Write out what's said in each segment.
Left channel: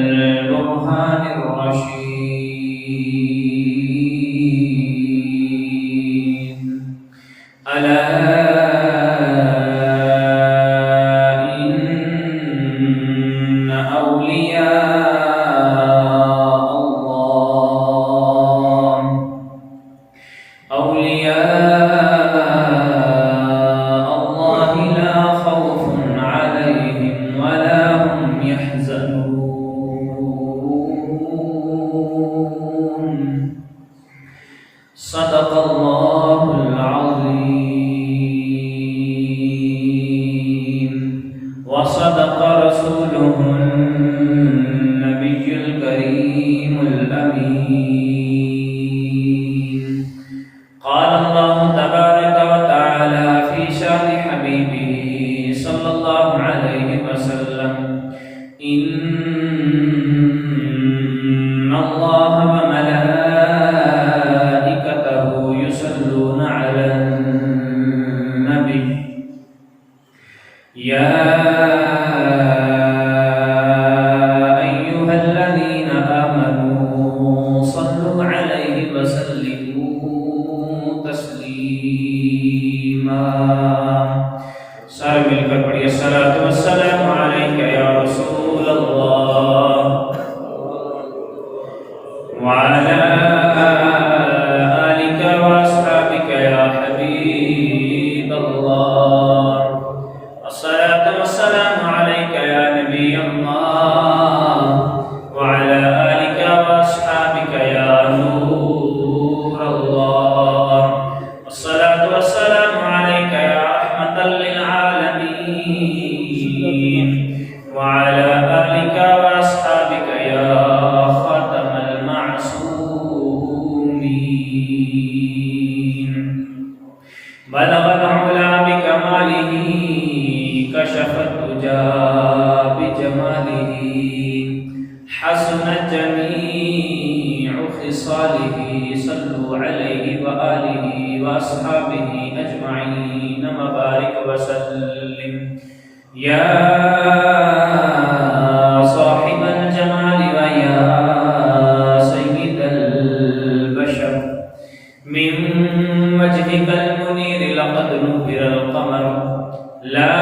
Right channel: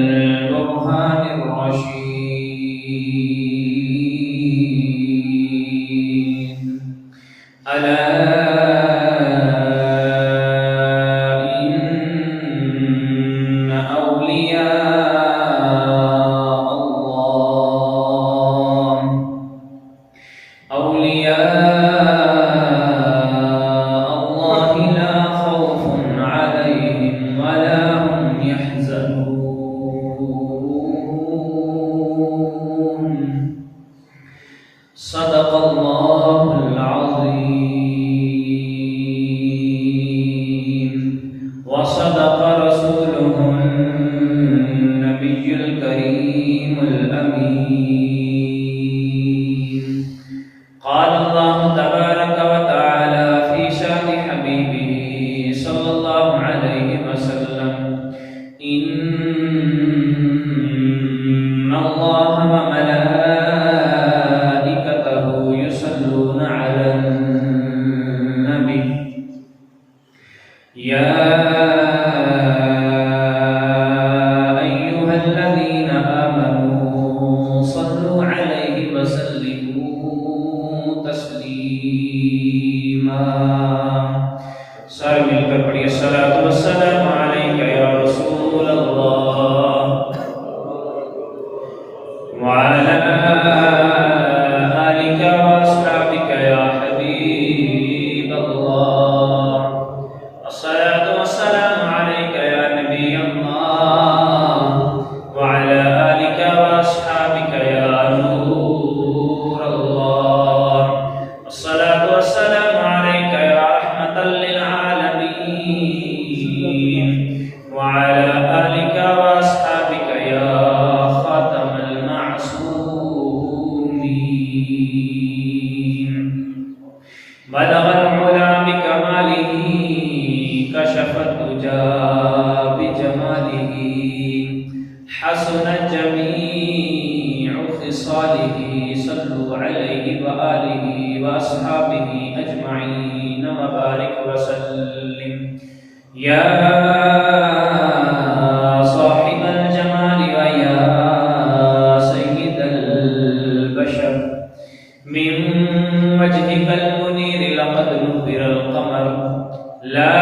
والبرهان الرشيد ألا إن أولياء الله لا خوف عليهم ولا هم يحزنون صدق الله العظيم وصدق رسوله النبي الكريم الأمين قال الله تبارك وتعالى في شأن حبيبه صلى الله عليه وسلم إن الله وملائكته يصلون على النبي يا أيها الذين آمنوا صلوا عليه وسلموا تسليما سارے مل کر پڑھیے الصلاۃ والسلام علیک یا رسول اللہ وعلی آلک واصحابک یا حبیب اللہ الصلاۃ والسلام علیک یا نبی اللہ وعلی آلک واصحابک یا نور اللہ الصلاۃ والسلام علیک یا رحمۃ للعالمین وعلی آلک واصحابک یا خاتم المعصومین بلغ العلا بکمالہ كشف الدجى بجماله حسنت جميع خصاله صلوا عليه وآله وأصحابه أجمعين وبارك وسلم يا صاحب الجمال ويا سيد البشر من وجهك المنير لقد نبر القمر لا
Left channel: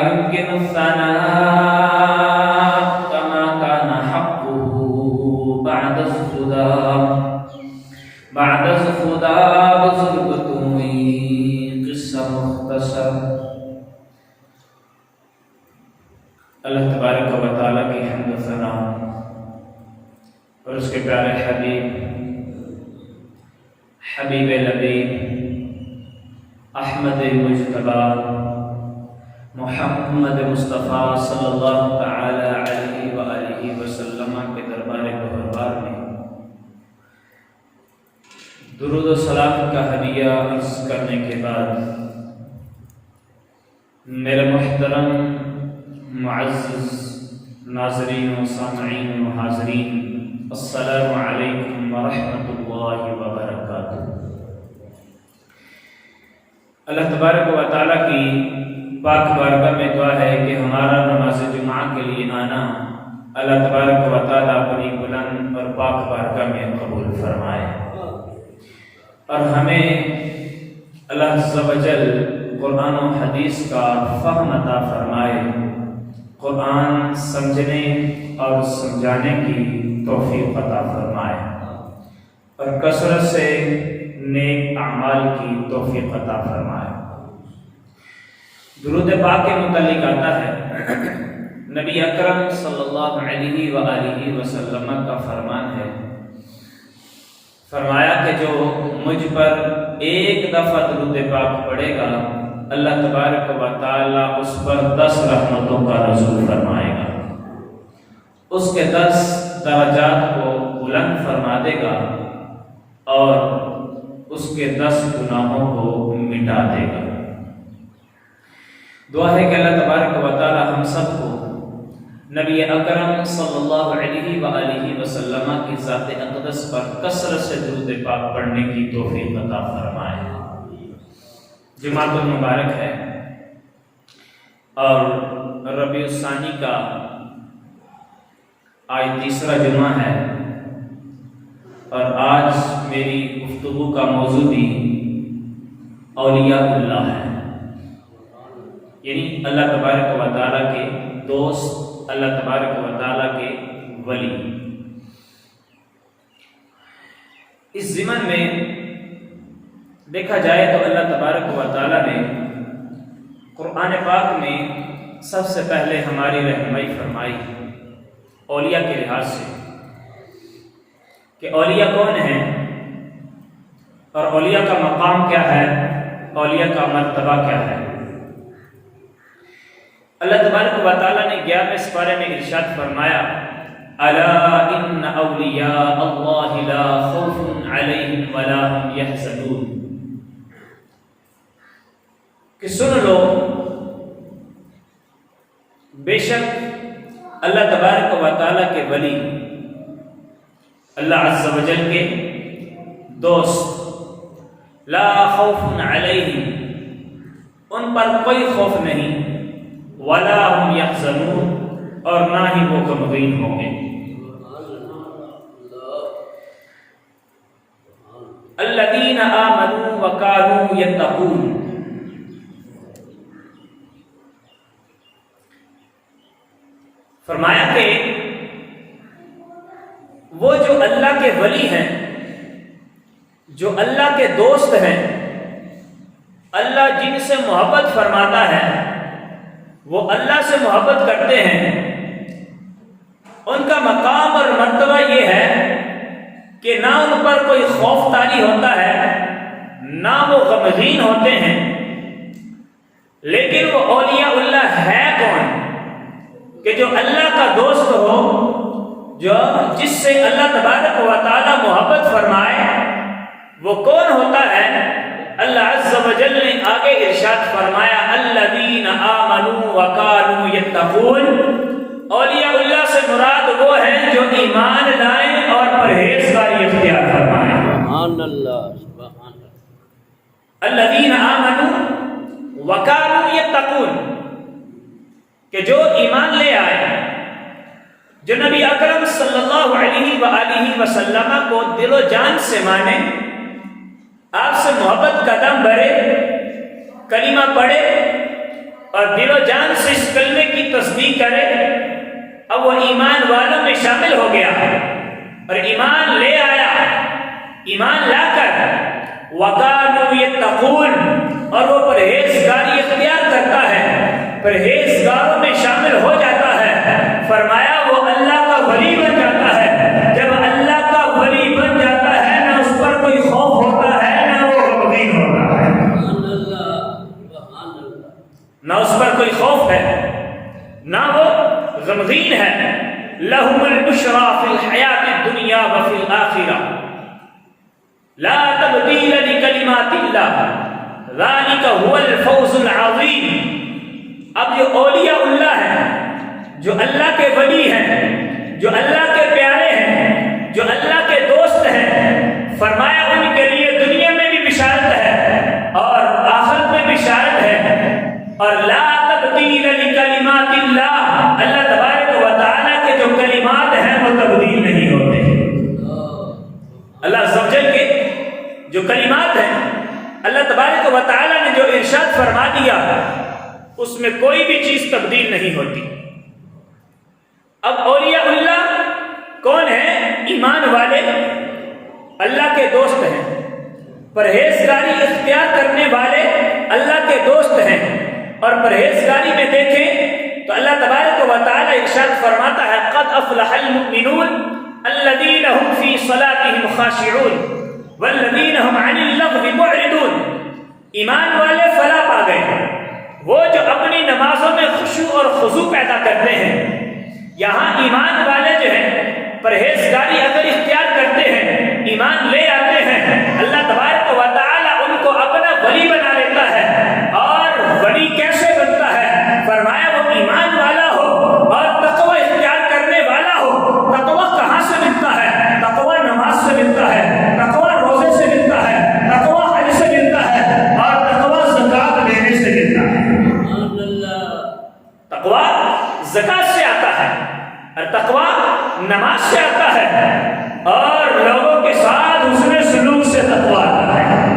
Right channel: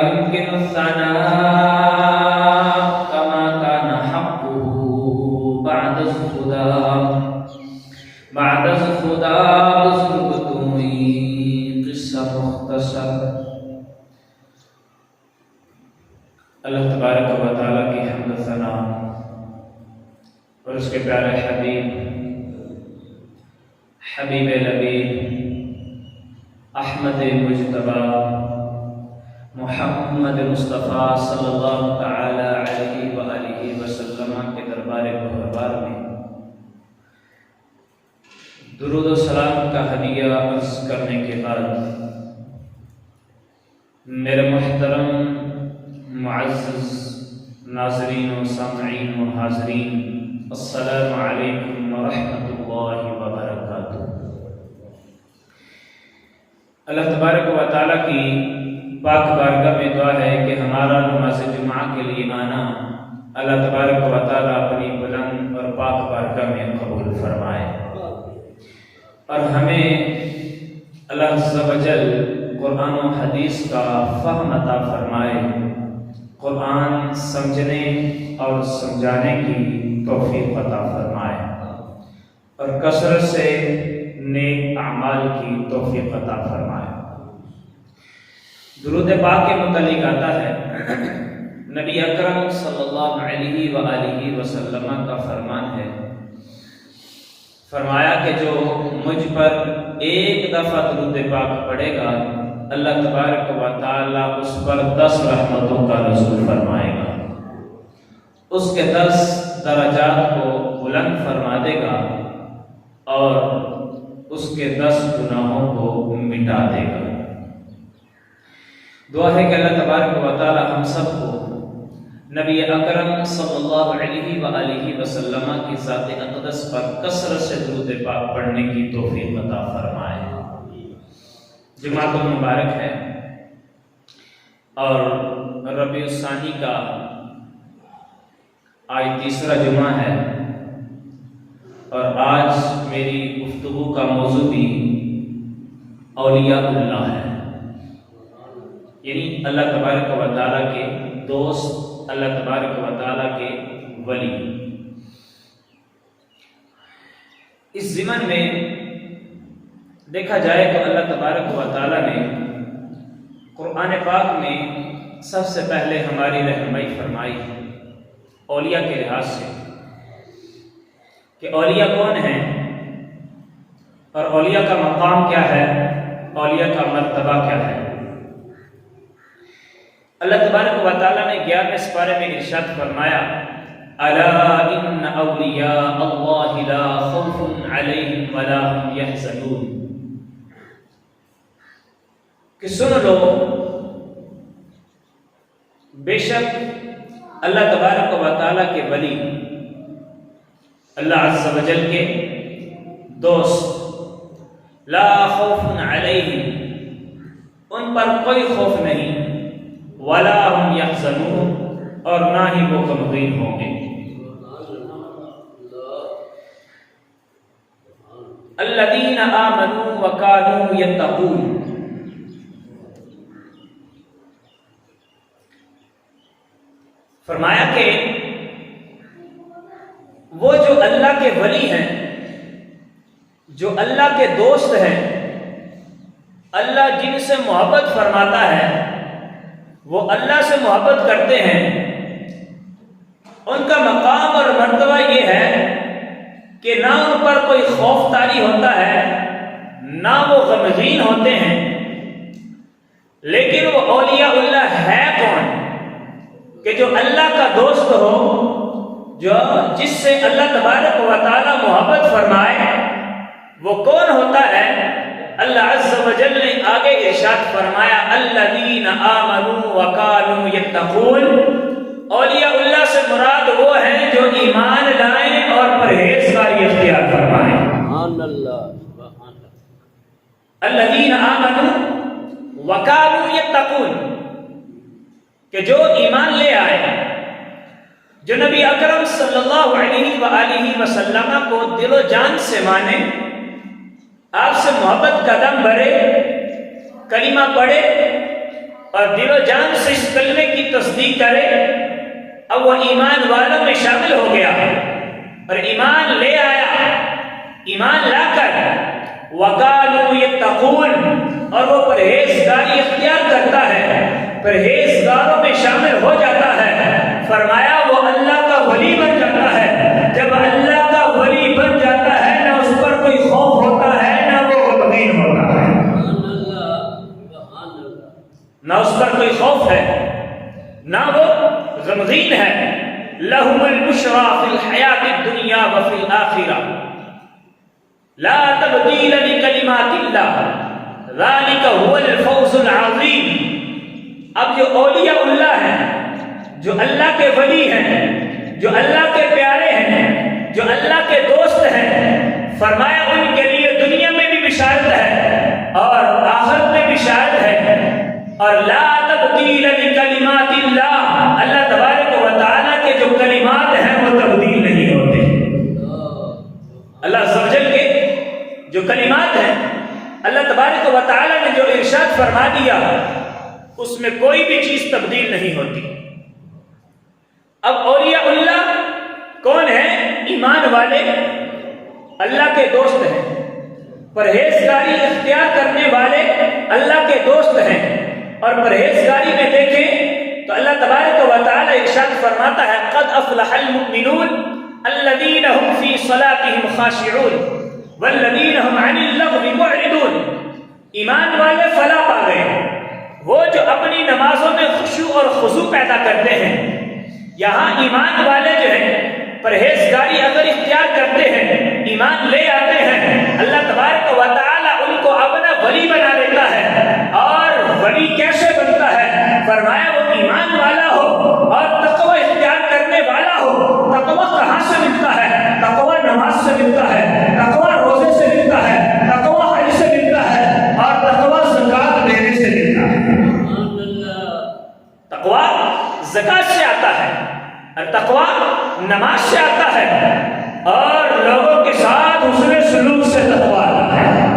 يمكن الثناء كما كان حقه بعد الخدا بزرگتوئی قصہ مختصر اللہ تبارک و تعالیٰ کی حمد و ثنا اور اس کے پیارے حبیب لبیب احمد مجتبی محمد مصطفیٰ صلی اللہ تعالی علیہ وآلہ وسلم کے دربار بہربار میں درود و سلام کا ہدیہ عرض کرنے کے بعد میرے محترم معزز ناظرین و سامعین و حاضرین السلام علیکم ورحمۃ اللہ وبرکاتہ۔ اللہ تبارک و تعالیٰ کی پاک بارگاہ میں دعا ہے کہ ہمارا نماز جمعہ کے لیے آنا اللہ تبارک و تعالیٰ اپنی بلند اور پاک بارگاہ میں قبول فرمائے اور ہمیں اللہ عز و جل قرآن و حدیث کا فہم عطا فرمائے، قرآن سمجھنے اور سمجھانے کی توفیق عطا فرمائے اور کثرت سے نیک اعمال کی توفیق عطا فرمائے۔ درود پاک کے متعلق آتا ہے نبی اکرم صلی اللہ علیہ وآلہ وسلم کا فرمان ہے، فرمایا کہ جو مجھ پر ایک دفعہ درود پاک پڑھے گا اللہ تبارک و تعالیٰ اس پر 10 رحمتوں کا نزول فرمائے گا، اس کے 10 درجات کو بلند فرما دے گا اور اس کے 10 گناہوں کو مٹا دے گا۔ دعا ہے کہ اللہ تبارک و تعالی ہم سب کو نبی اکرم صلی اللہ علیہ وآلہ وسلم کی ذات اقدس پر کثرت سے درود پاک پڑھنے کی توفیق عطا فرمائے۔ جمعۃ المبارک ہے، اور ربیع الثانی کا آج تیسرا جمعہ ہے، اور آج میری گفتگو کا موضوع بھی اولیاء اللہ ہے، یعنی اللہ تبارک و تعالیٰ کے دوست، اللہ تبارک و تعالیٰ کے ولی۔ اس ضمن میں دیکھا جائے تو اللہ تبارک و تعالیٰ نے قرآن پاک میں سب سے پہلے ہماری رہنمائی فرمائی اولیاء کے لحاظ سے کہ اولیاء کون ہیں اور اولیاء کا مقام کیا ہے، اولیاء کا مرتبہ کیا ہے۔ اللہ تبارک و تعالیٰ نے 11ویں سپارے میں ارشاد فرمایا الا ان اولیاء اللہ لا خوف علیہم ولا هم یحزنون، کہ سن لو بے شک اللہ تبارک و تعالیٰ کے ولی، اللہ عز و جل کے دوست، لا خوف علیہم، ان پر کوئی خوف نہیں، ولا هم یحزنون، اور نہ ہی وہ غمگین ہوں گے۔ الذین آمنوا وکانوا یتقون، فرمایا کہ وہ جو اللہ کے ولی ہیں، جو اللہ کے دوست ہیں، اللہ جن سے محبت فرماتا ہے، وہ اللہ سے محبت کرتے ہیں، ان کا مقام اور مرتبہ یہ ہے کہ نہ ان پر کوئی خوف طاری ہوتا ہے، نہ وہ غمگین ہوتے ہیں۔ لیکن وہ اولیاء اللہ ہے کون؟ کہ جو اللہ کا دوست ہو، جو جس سے اللہ تبارک و تعالی محبت فرمائے، وہ کون ہوتا ہے؟ اللہ عز و جل نے آگے ارشاد فرمایا الذین آمنوا وکانوا یتقون، اولیاء اللہ سے مراد وہ ہیں جو ایمان لائیں اور پرہیزگاری اختیار فرمائیں۔ الذین آمنوا وکانوا یتقون، کہ جو ایمان لے آئے، جو نبی اکرم صلی اللہ علیہ وآلہ وسلم کو دل و جان سے مانے، آپ سے محبت کا دم بھرے، کلمہ پڑھے اور دل و جان سے اس کلمے کی تصدیق کرے، اب وہ ایمان والوں میں شامل ہو گیا اور ایمان لے آیا۔ ایمان لا کر وَقَالُوا يَتَّقُونَ، اور وہ پرہیزگاری اختیار کرتا ہے، پرہیزگاروں میں شامل ہو جاتا ہے، فرمایا وہ اللہ کا ولی بن جاتا ہے۔ جب اللہ کا ولی بن جاتا ہے، نہ اس پر کوئی خوف ہوتا ہے، نہ وہ غمگین ہوتا ہے، نہ اس پر کوئی خوف ہے، نہ وہ غمگین ہے۔ لَهُمُ الْبُشْرَى فِي الْحَيَاةِ الدُّنْيَا وَفِي الْآخِرَةِ لَا تَبْدِيلَ لِكَلِمَاتِ اللَّهِ ذَلِكَ هُوَ الْفَوْزُ الْعَظِيمُ۔ اب جو اولیاء اللہ ہیں، جو اللہ کے ولی ہیں، جو اللہ کے پیارے ہیں، جو اللہ کے دوست ہیں، فرمایا ان کے لیے دنیا میں بھی بشارت ہے اور آخرت میں بشارت ہے، اور لا تبدیل لکلمات اللہ، اللہ تبارک و تعالیٰ کے جو کلمات ہیں وہ تبدیل نہیں ہوتے۔ اللہ عز و جل کے جو کلمات ہیں، اللہ تبارک و تعالیٰ نے جو ارشاد فرما دیا، اس میں کوئی بھی چیز تبدیل نہیں ہوتی۔ اب اولیاء اللہ کون ہیں؟ ایمان والے، اللہ کے دوست ہیں، پرہیزگاری اختیار کرنے والے اللہ کے دوست ہیں۔ اور پرہیزگاری میں دیکھیں تو اللہ تبارک و تعالی ارشاد فرماتا ہے قد افلح المؤمنون الذین هم فی صلاتهم خاشعون والذین هم عن اللغو معرضون، ایمان والے فلاح پا گئے، وہ جو اپنی نمازوں میں خشوع اور خضوع پیدا کرتے ہیں۔ یہاں ایمان والے جو ہیں پرہیزگاری اگر اختیار کرتے ہیں، ایمان لے آتے ہیں، اللہ تبارک و تعالی ان کو اپنا ولی بنا لیتا ہے۔ اور ولی کیسے بنتا ہے؟ فرمایا وہ ایمان والا ہو اور تقوی اختیار کرنے والا ہو۔ تقوی کہاں سے ملتا ہے؟ تقوی نماز سے ملتا ہے، تقوی روزے سے ملتا ہے، تقوی حج سے ملتا ہے، اور تقوی زکات دینے سے ملتا ہے۔ تقویٰ زکات سے آتا ہے، اور تقویٰ نماز سے آتا ہے، اور لوگوں کے ساتھ حسن سلوک سے تقویٰ آتا ہے۔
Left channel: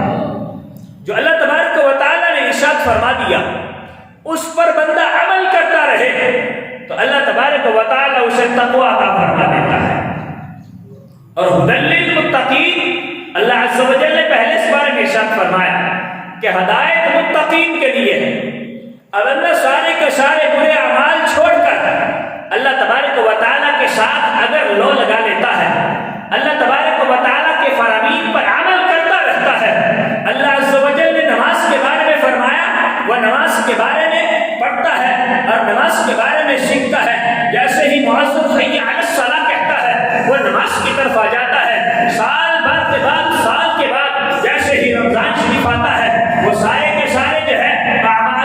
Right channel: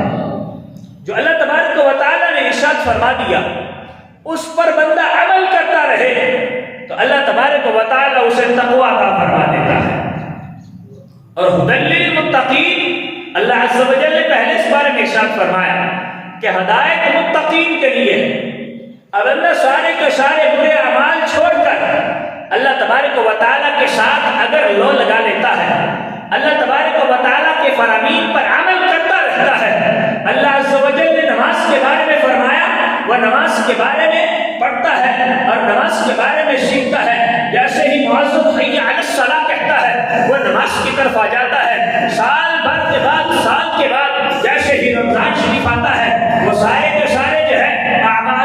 جو اللہ تبارک و تعالیٰ نے ارشاد فرما دیا اس پر بندہ عمل کرتا رہے تو اللہ تبارک و تعالیٰ اسے تقویٰ عطا فرما دیتا ہے۔ اور ہدی للمتقین، اللہ عز و جل نے پہلے اس بارے میں ارشاد فرمایا کہ ہدایت متقین کے لیے ہے۔ اب بندہ سارے کے سارے برے اعمال چھوڑ کر اللہ تبارک و تعالیٰ کے ساتھ اگر لو لگا لیتا ہے، اللہ تبارک و تعالیٰ کے فرامین پر عمل کرتا رہتا ہے، اللہ عز و جل نے نماز کے بارے میں فرمایا وہ نماز کے بارے میں پڑھتا ہے اور نماز کے بارے میں سیکھتا ہے، جیسے ہی معذب حی علی الصلاۃ کہتا ہے وہ نماز کی طرف آ جاتا ہے، سال بھر کے بعد سال کے بعد جیسے ہی رمضان شریف آتا ہے وہ سارے کے سارے جو ہے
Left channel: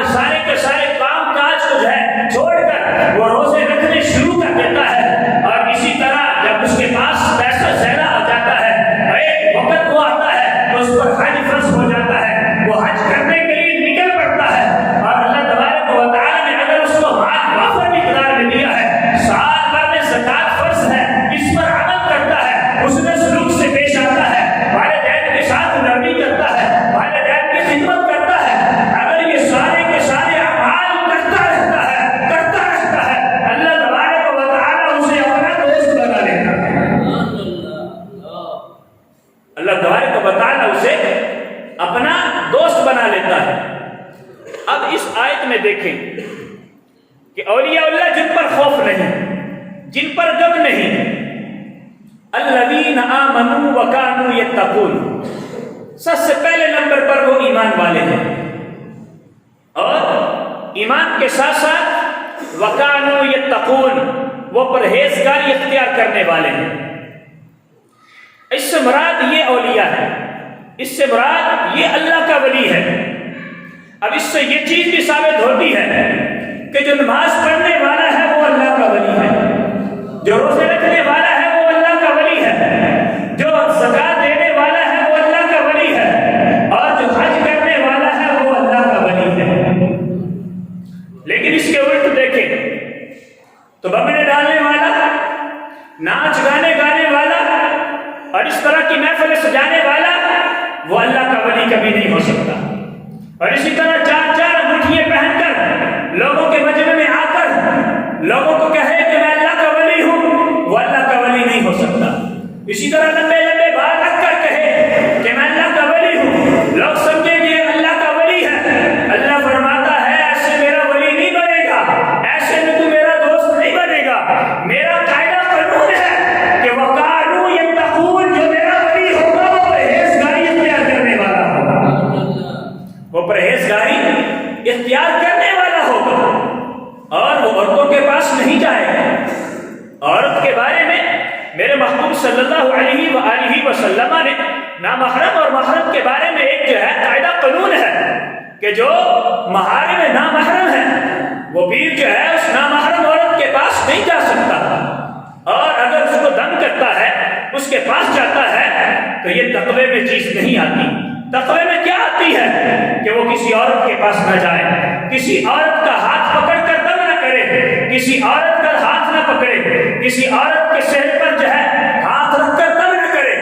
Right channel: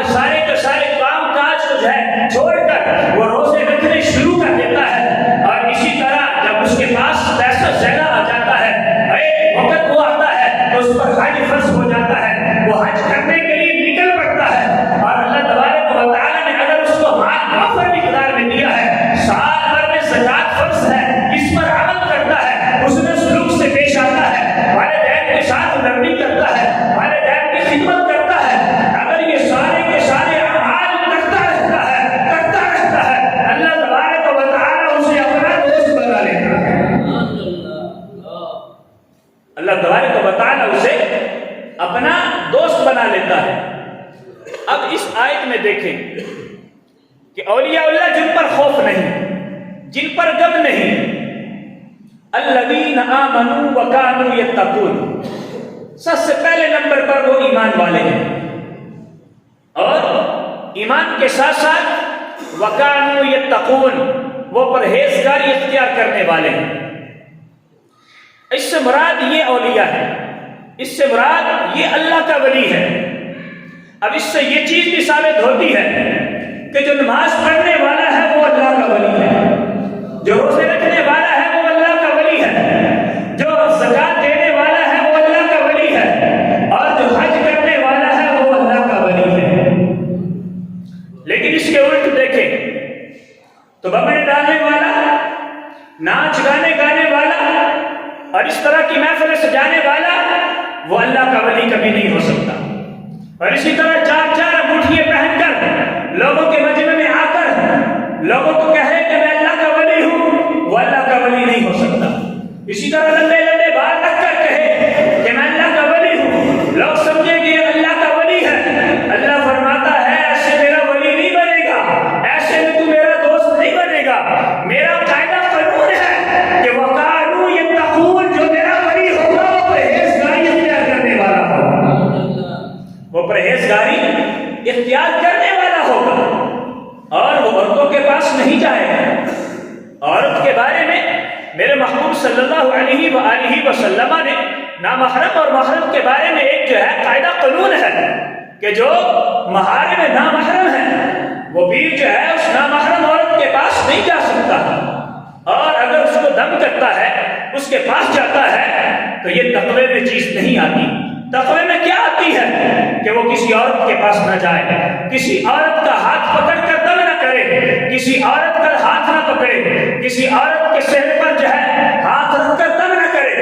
سارے کے سارے کام کاج کو جو ہے چھوڑ کر وہ روزے رکھنے شروع کر دیتا ہے۔ اور اسی طرح جب اس کے پاس پیسہ زیادہ آ جاتا ہے، ایک وقت وہ آتا ہے تو اس پر حج فرض ہو جاتا ہے، وہ حج کرنے کے لیے نکل پڑتا ہے، اور اللہ تبارک و تعالیٰ نے اگر اس کو مال وافر مقدار میں دیا ہے، سال بھر میں زکات فرض ہے، اس پر عمل کرتا ہے، اس نے سلوک سے پیش آتا ہے، والدین کے ساتھ نرمی کرتا ہے، والدین کی خدمت کرتا ہے، اگر یہ سارے کے سارے اعمال کرتا رہتا ہے اللہ تبارک و تعالیٰ اسے اپنا دوست بنا لیتا ہے۔ اللہ تبارک و تعالیٰ اسے اپنا دوست بنا لیتا ہے۔ اب اس آیت میں دیکھیں کہ اولیاء اللہ جن پر خوف نہیں، جن پر غم نہیں، الذین آمنوا وکانوا یتقون، سب سے پہلے نمبر پر وہ ایمان والے ہیں، اور ایمان کے ساتھ ساتھ وکانوا یتقون، وہ پرہیزگاری اختیار کرنے والے ہیں۔ اس سے مراد یہ اولیاء ہے، اس سے مراد یہ اللہ کا ولی ہے۔ اب اس سے یہ چیز بھی ثابت ہوتی ہے کہ جو نماز پڑھنے والا ہے وہ اللہ کا ولی ہے، جو روزے رکھنے والا ہے وہ اللہ کا ولی ہے، جو زکات دینے والا ہے وہ اللہ کا ولی ہے، اور جو حج کرنے والا ہے وہ اللہ کا ولی ہے۔ لیکن اس کے الٹ دیکھیں تو بمبے ڈالنے والا، ناچ گانے گانے والا اور اس طرح کی محفل سجانے والا وہ اللہ کا ولی کبھی نہیں ہو سکتا۔ اور اسی طرح چار چار انگوٹھیاں پہن کر لوگوں کے مجمع میں آ کر لوگوں کو کہے کہ میں اللہ کا ولی ہوں، وہ اللہ کا ولی نہیں ہو سکتا۔ اسی طرح لمبے لمبے بال رکھ کر کہے کہ میں اللہ کا ولی ہوں، لوگ سمجھیں گے یہ اللہ کا ولی ہے۔ اللہ فرماتا ہے ایسے میرا ولی نہیں بنے گا، ایسے میں تو میرا دوست نہیں بنے گا۔ میرا قاعدہ قانون ہے کہ وقالوا یتقون، جو میرا ولی ہوگا وہ پرہیزگاری اختیار کرنے والا ہوگا، وہ پرہیزگاری اختیار کرنے والا ہوگا، اور وہ عورتوں کے پاس نہیں جائے گا۔ عورت کے بارے میں میرے محبوب صلی اللہ علیہ وآلہ وسلم نے نامحرم اور محرم کے بارے میں ایک جو ہے قاعدہ قانون ہے کہ جو محارم نامحرم ہے وہ بھی جو ہے اس نامحرم عورت کے پاس نہیں جا سکتا، اور اگر اس کو دم کرتا ہے، اس کے پاس جاتا ہے تو یہ تقوی میں چیز نہیں آتی۔ تقوی میں کیا آتی ہے کہ وہ کسی عورت کے پاس نہ جائے، کسی عورت کا ہاتھ پکڑ کر دم نہ کرے، کسی عورت کا ہاتھ نہ پکڑے، کسی عورت کے صحت پر جو ہے ہاتھ رکھ کر دم نہ کرے۔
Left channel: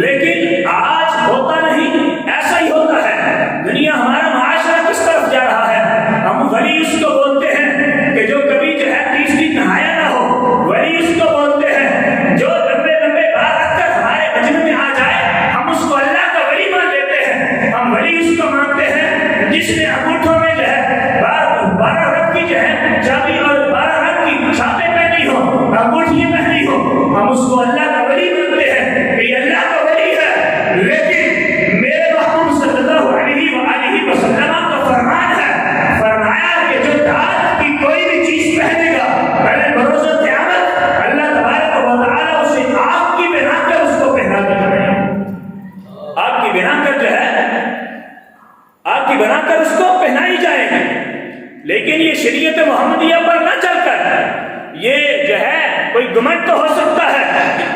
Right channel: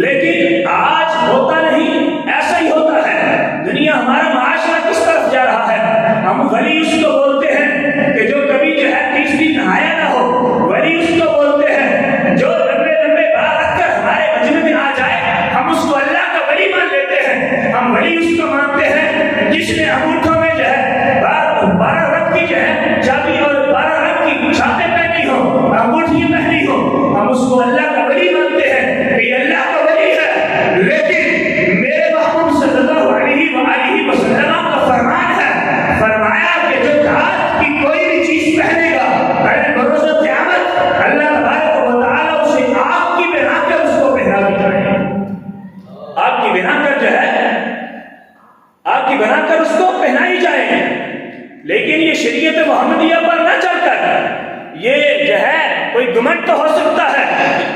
لیکن آج ہوتا نہیں، ایسا ہی ہوتا ہے۔ دنیا، ہمارا معاشرہ کس طرف جا رہا ہے؟ ہم ولی اس کو بولتے ہیں کہ جو کبھی جو ہے 30 دن نہایا نہ ہو، ولی اس کو بولتے ہیں جو لمبے لمبے بال رکھ کر ہمارے مجمع میں آ جائے، ہم اس کو اللہ کا ولی مان لیتے ہیں۔ ہم ولی اس کو مانتے ہیں جس نے انگوٹھوں میں جو ہے 12 رنگ کی جو ہے چابی اور 12 رنگ کی چھاپیں پہنی ہو، انگوٹھیاں پہنی ہو، ہم اس کو اللہ کا ولی مانتے ہیں کہ یہ اللہ کا ولی ہے۔ لیکن میرے محبوب صلی اللہ علیہ وآلہ وسلم کا فرمان ہے، فرمایا کہ جو دھات کی کوئی بھی چیز پہنے گا پہلے بروز قیامت اللہ تبارک و تعالیٰ اسے آگ کی بنا کر اس کو پہنا کے جائے، آگ کی بنا کر جو ہے آگ کی بنا کر اس کو پہنائی جائے گی۔ لیکن یہ شریعت محمدیہ پر نہ چل کر یہ جو ہے کوئی گمنڈ تو ہو سکتا ہے،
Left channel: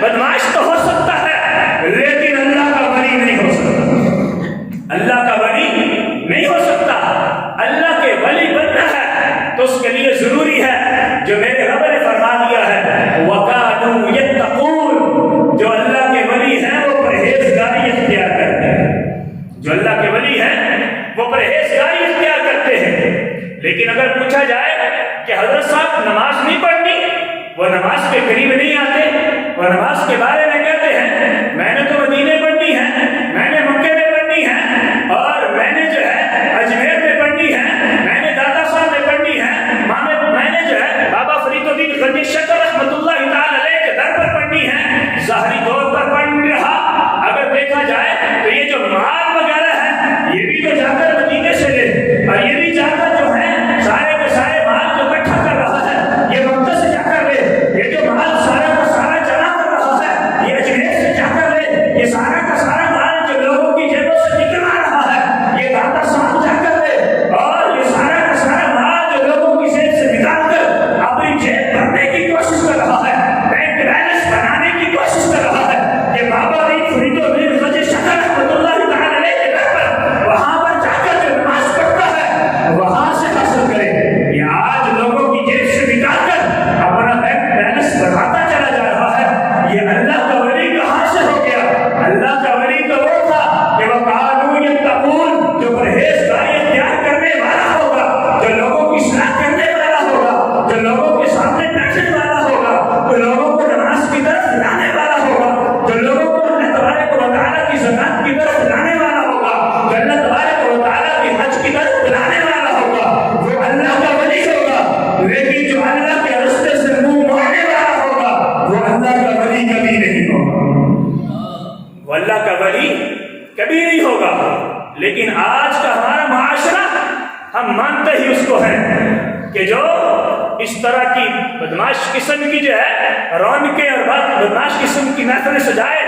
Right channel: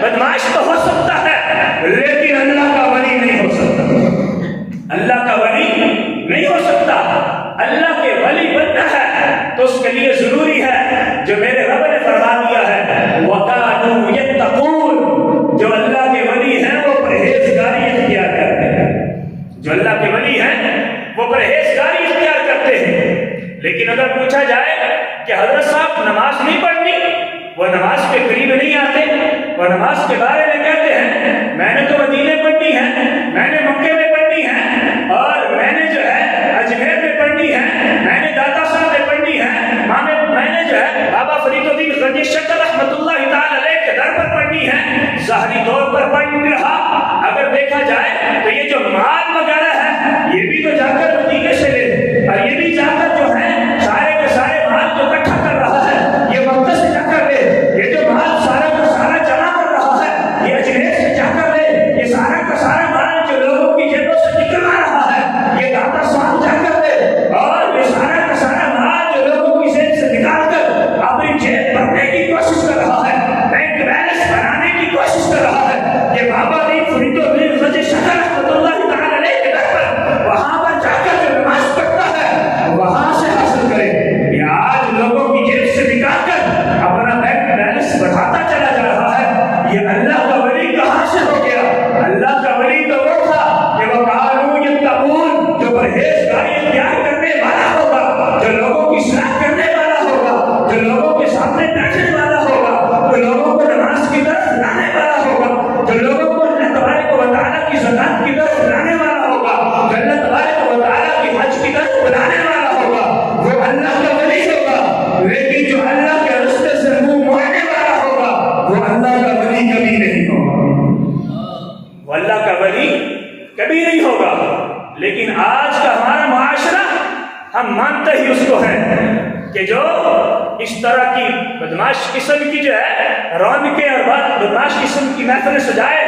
بدمعاش تو ہو سکتا ہے، لیکن اللہ کا ولی نہیں ہو سکتا، اللہ کا ولی نہیں ہو سکتا۔ اللہ کے ولی بننا ہے تو اس کے لیے ضروری ہے جو میرے رب نے فرما دیا ہے وَكَانُوا يَتَّقُونَ، جو اللہ کے ولی ہیں وہ پرہیزگاری اختیار کرتے ہیں، جو اللہ کے ولی ہیں وہ پرہیزگاری اختیار کرتے ہیں۔ لیکن اگر پوچھا جائے کہ حضرت صاحب نماز نہیں پڑھنی، وہ نماز کے قریب نہیں آتے، وہ نماز کے بارے میں کہتے ہیں میں نے تو مدینے پڑھنی ہے، میں نے مکے میں پڑھنی ہے، اور میں نے جو ہے اجمیر میں پڑھنی ہے، میں نے داتا صاحب میں پڑھنی ہے، میں نے جو ہے بابا فرید الدین غنی شکر رحمۃ اللہ تعالی علیہ کے در پر پڑھنی ہے، ظاہری طور پر پڑھ نہیں رہا۔ اگر دیکھا جائے تو یہ جو مال وغیرہ ہے یہ بھی تو جا کر مدینے سے لے، اور یہ بھی جا کر جو ہے سارے کے سارے مال جو اکٹھا کر رہا ہے یہ مکہ سے جا کر لے، یہ جو مال سارا کا سارا جمع کر رہا ہے یہ اجمیر سے جا کر لے، یہ سارا کا سارا مال جو لوگوں کی جیبوں سے نکلوا رہا ہے یہ داتا صاحب جا کر لے، اور یہ سارا کا سارا مال جو لوگوں کی جیب سے نکال کر اپنی جیب بھرنے کی کوشش کر رہا ہے، بینک بیلنس بنانے کی کوشش کر رہا ہے، یہ بابا فرید الدین غنی شکر رحمۃ اللہ تعالی علیہ کے در پر وہاں پر جا کر جو نماز پڑھتا ہے وہاں سے حاصل کرے۔ یہ آج لوگوں کی جیب سے نکال کر اپنا بینک بیلنس بڑھاتا چلا جا رہا ہے، یہ اللہ کا ولی کہاں سے ہو گیا؟ اللہ کا ولی تو وہ تھا کہ وہ وَكَانُوا يَتَّقُونَ، جو پرہیزگاری اختیار کرنے والا ہوگا، جو لوگوں کی اصلاح کرنے والا ہوگا، جو لوگوں کے سامنے بیٹھنے والا ہوگا، جو لوگوں کو نماز کی طرف لانے والا ہوگا، جو لوگوں کو اللہ تبارک و تعالیٰ کی زکات کی طرف لانے والا ہوگا، جو اللہ تبارک و تعالیٰ کی حج کی طرف بلانے والا ہوگا، وہ اللہ کا ولی ہوگا۔ لیکن جو اللہ کے راستے سے منہ موڑنے والا ہوگا وہ اللہ کا ولی کبھی نہیں ہوگا، وہ اللہ کا ولی کبھی نہیں ہوگا۔ لیکن آج کا ہمارا معاشرہ ہم مانتے ہی اس کو ہیں کہ جو اس طرح کی بدماش قسم کی جو ہے رونقیں اور بدماش قسم کی محفلیں سجائے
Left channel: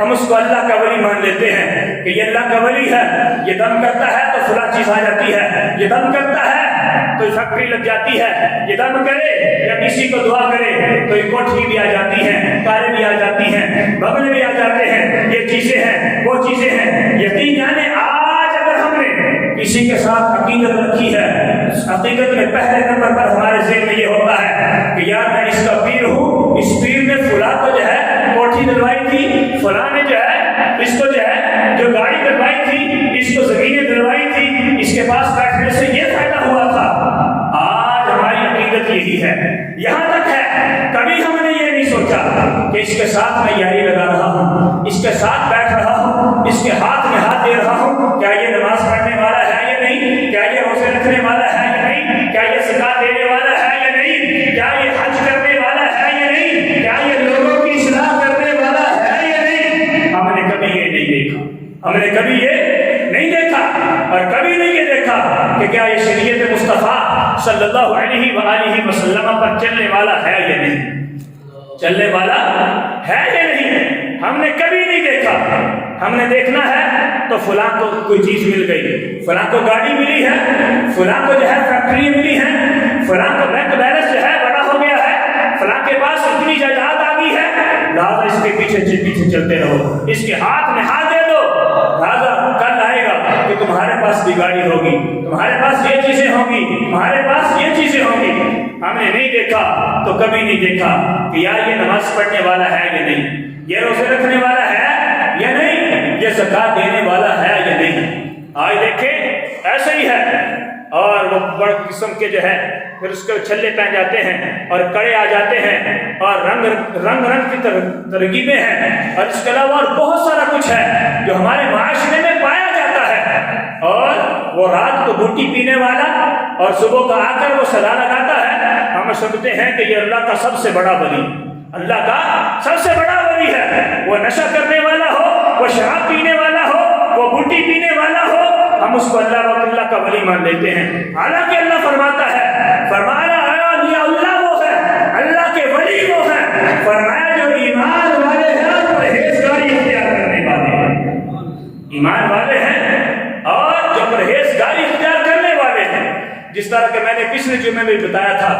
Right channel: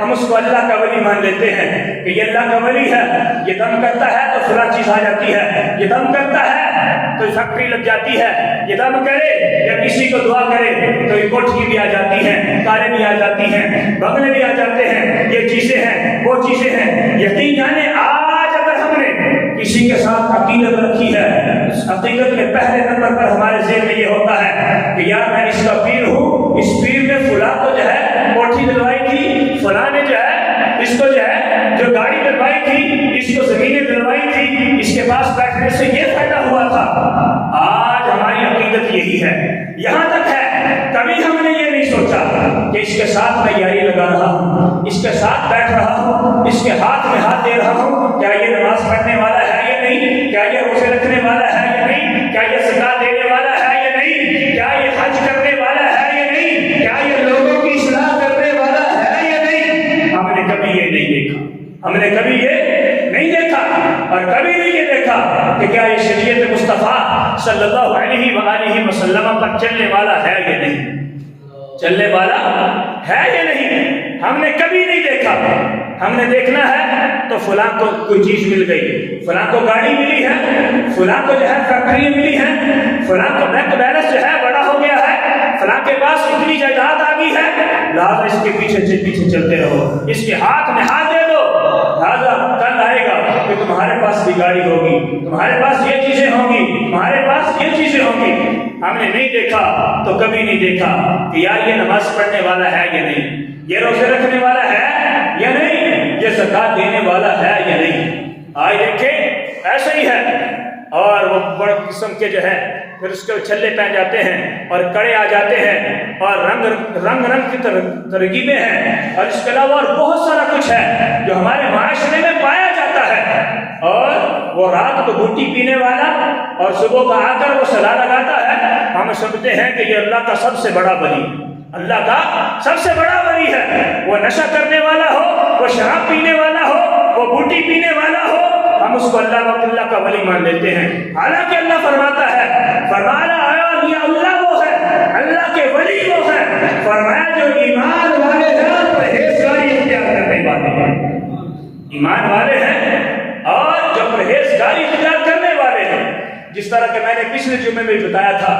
ہم اس کو اللہ کا ولی مان لیتے ہیں کہ یہ اللہ کا ولی ہے، یہ دم کرتا ہے تو فلاں چیز آ جاتی ہے، یہ دم کرتا ہے تو فیکٹری لگ جاتی ہے، یہ دم کرے یا کسی کو دعا کرے تو یہ کوٹھی بھی آ جاتی ہے، کاریں بھی آ جاتی ہیں، بنگلے بھی آ جاتے ہیں، یہ چیزیں ہیں وہ چیزیں ہیں۔ یقین جانے آج اگر ہم نے کسی کے ساتھ عقیدت رکھی ہے، اس عقیدت میں پہلے نمبر پر ہمارے ذہن میں یہ ہوتا ہے کہ یار میں اس کا پیر ہوں، اس پیر نے فلاں کو جو ہے کوٹھی دلوائی تھی، فلاں نے جو ہے اس کو جو ہے جو گاڑی دلوائی تھی، اس کو زمینیں دلوائی تھی، اس کے پاس بیٹھنے سے یہ فائدہ ہوا تھا۔ آج ہماری عقیدت یہی ہے، یہاں تک ہے کبھی ہم نے یہ نہیں سوچا کہ اس کے ساتھ میں یاری لگا رہا ہوں، اس کے ساتھ بیٹھ رہا ہوں، اس کے ہاتھ میں ہاتھ دے رہا ہوں، کیا یہ نماز پڑھنے والا ہے یا نہیں، کیا یہ روزے رکھنے والا ہے یا نہیں، کیا یہ زکات دینے والا ہے یا نہیں، کیا یہ حج کرنے والا ہے یا نہیں، کیا یہ لوگوں کی اصلاح کرنے والا ہے یا نہیں۔ ہم نے کبھی یہ نہیں دیکھا، ہم نے کبھی یہ نہیں دیکھا، اور کبھی نہیں یہ دیکھا کہ کیا یہ شریعت مصطفیٰ صلی اللہ علیہ وآلہ وسلم پر چلنے والا ہے یا نہیں، چلنے والا ہے یا نہیں، ہم نے کبھی نہیں دیکھا۔ ہم نے دیکھنا ہے تو فلاں کو کوئی چیز مل گئی، فلاں کو گاڑی ملی ہے، فلاں کو جو ہے فیکٹری ملی ہے، فلاں کو بینک بیلنس جو ہے بڑا ہو گیا ہے، فلاں کے پاس اتنی جائیداد آ گئی ہے، لہٰذا اس کے پیچھے چلتے رہو، اس کے ہاتھ میں ہاتھ دے دو، لہٰذا کل آئے گا کہ تمہارے پاس بھی گاڑی ہوگی، تمہارے پاس یہ چیزیں ہوں گی، تمہارے پاس یہ چیزیں ہوں گی۔ ہم نے نہیں دیکھا تو کبھی نہیں دیکھا کہ یار یہ نماز پڑھنے والا ہے یا نہیں، یہ روزے رکھنے والا ہے یا نہیں، یہ زکات دینے والا ہے یا نہیں۔ آج دیکھیں ایسے ہی ہے، اور وہ بڑے قسم کے جو ہے پھر اس کے چھلے پہن جاتے ہیں اور کڑے آ جاتے ہیں اور رنگ کی ترغیبیں ہیں، اور اس کے علاوہ اور بہت سارا کچھ ہے جو ہمارے معاشرے میں پایا جاتا ہے۔ اور وہ رات کو بوٹی پینے والا اور صبح کا آ کر وہ صلا لگاتا ہے، ہم سمجھتے ہیں کہ یہ اللہ کا سب سے بڑا ولی، اللہ کا سب سے بڑا ولی ہے۔ وہ نشہ کرنے والا ہو، وہ شراب پینے والا ہو، وہ بوٹی پینے والا ہو، ہم اس کو اللہ کا ولی مان لیتے ہیں، حالانکہ اللہ فرماتا ہے، فرمایا اللہ وہ ہے، اللہ کے ولی وہ ہے، فرمایا جو ایمان والے ہیں پرہیزگاری اختیار کرنے والے ہیں، ایمان والے ہیں اور جو پرہیزگاری اختیار کرنے والے ہیں۔ جس طرح کہ میں نے پچھلے جمعے میں بتایا تھا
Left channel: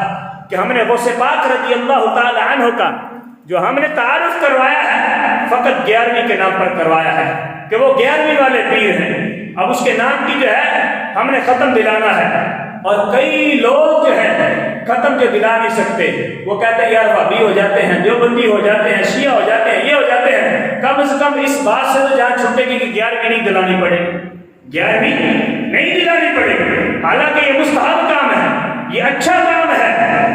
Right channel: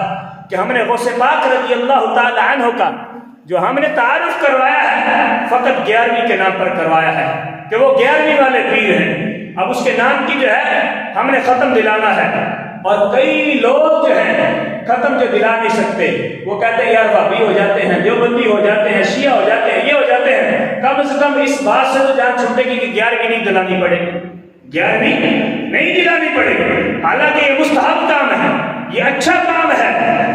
کہ ہم نے غوث پاک رضی اللہ تعالی عنہ کا جو ہم نے تعارف کروایا ہے فقط 11ویں کے نام پر کروایا ہے کہ وہ 11ویں والے پیر ہیں۔ اب اس کے نام کی جو ہے ہم نے ختم دلانا ہے، اور کئی لوگ جو ہیں ختم جو دلا نہیں سکتے، وہ کہتے ہیں یار وہابی ہو جاتے ہیں، دیوبندی ہو جاتے ہیں، شیعہ ہو جاتے ہیں، یہ ہو جاتے ہیں، کم سے کم اس بات سے تو جان چھوٹے گی کہ 11ویں نہیں دلانی پڑے گی، 11ویں نہیں دلانی پڑے گی۔ حالانکہ یہ مستحب کام ہے، یہ اچھا کام ہے،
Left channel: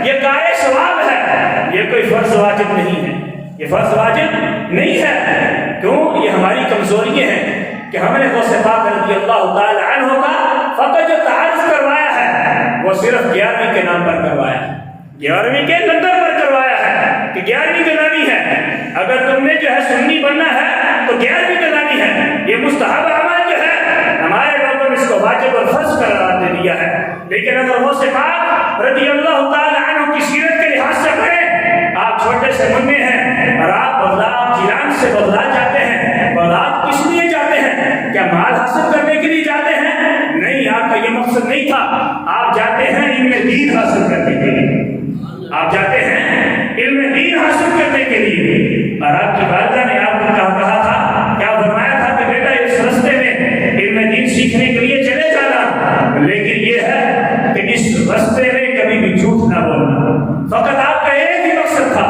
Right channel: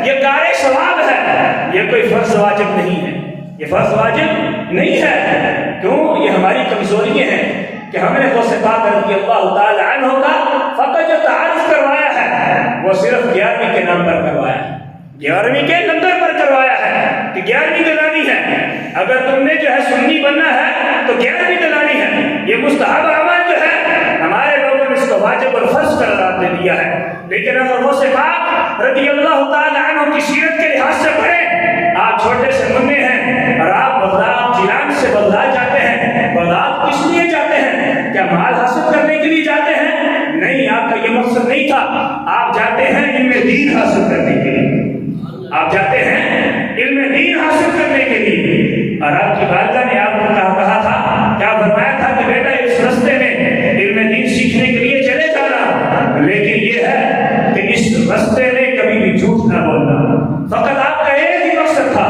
یہ کار ثواب ہے، یہ کوئی فرض واجب نہیں ہے، یہ فرض واجب نہیں ہے۔ کیوں؟ یہ ہماری کمزوریاں ہیں کہ ہم نے غوث پاک رضی اللہ تعالی عنہ کا فقط جو تعارف کروایا ہے وہ صرف 11ویں کے نام پر کروایا ہے، 11ویں کے نمبر پر کروایا ہے کہ 11ویں دلانی ہے۔ اگر تم نے جو ہے سنی بننا ہے تو 11ویں دلانی ہے۔ یہ مستحب عمل جو ہے ہمارے لوگوں نے اس کو واجب اور فرض قرار دے دیا ہے۔ لیکن اگر غوث پاک رضی اللہ تعالی عنہ کی سیرت کے لحاظ سے پڑھیں، آپ چھوٹے سے منع ہیں اور آپ بغداد جیلان سے بغداد جاتے ہیں، بغداد کس لیے جاتے ہیں؟ کیا مال حاصل کرنے کے لیے جاتے ہیں؟ نہیں، آپ کا یہ مقصد نہیں تھا، آپ جاتے ہیں علم دین حاصل کرنے کے لیے، آپ جاتے ہیں علم دین حاصل کرنے کے لیے۔ اور آپ کی والدہ نے آپ کو کہا تھا، کیا فرمایا تھا کہ بیٹا اس راستے میں علم دین سیکھنے کے لیے چلے جانا، لیکن یہ ہے کہ اس راستے میں کبھی بھی جھوٹ نہ بولنا۔ فقط آپ کا ایک ہی مقصد تھا،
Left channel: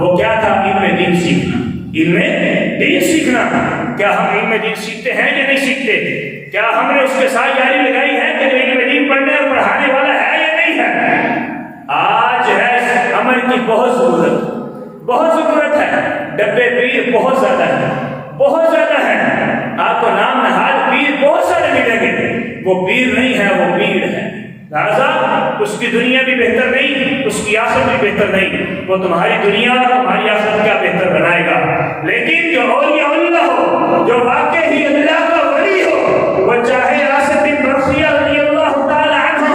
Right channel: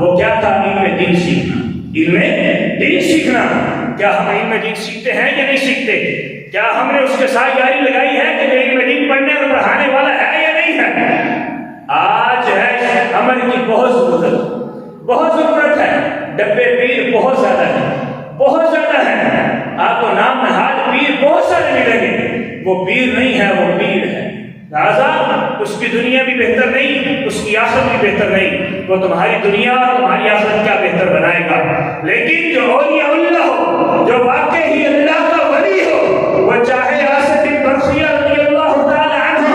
وہ کیا تھا؟ علم دین سیکھنا، علم دین سیکھنا۔ کیا ہم علم دین سیکھتے ہیں یا نہیں سیکھتے؟ کیا ہم نے اس کے ساتھ یاری لگائی ہے کہ علم دین پڑھنے اور پڑھانے والا ہے یا نہیں ہے؟ آج ہے اس عمل کی بہت ضرورت ہے۔ ڈبے پیر بہت زیادہ ہیں، بہت زیادہ ہیں، آپ کو نام نہاد پیر بہت سارے ملیں گے، وہ پیر نہیں ہے، وہ پیر ہے۔ لہٰذا اس کی دنیا بھی بہتر نہیں، اس کی آخرت بھی بہتر نہیں، وہ تمہاری دنیا اور تمہاری آخرت کیا بہتر بنائے گا۔ لیکن جو اولیاء اللہ ہو، جو واقعی اللہ کا ولی ہو، وہ چاہے آصف بن برخیہ رضی اللہ تعالی عنہ،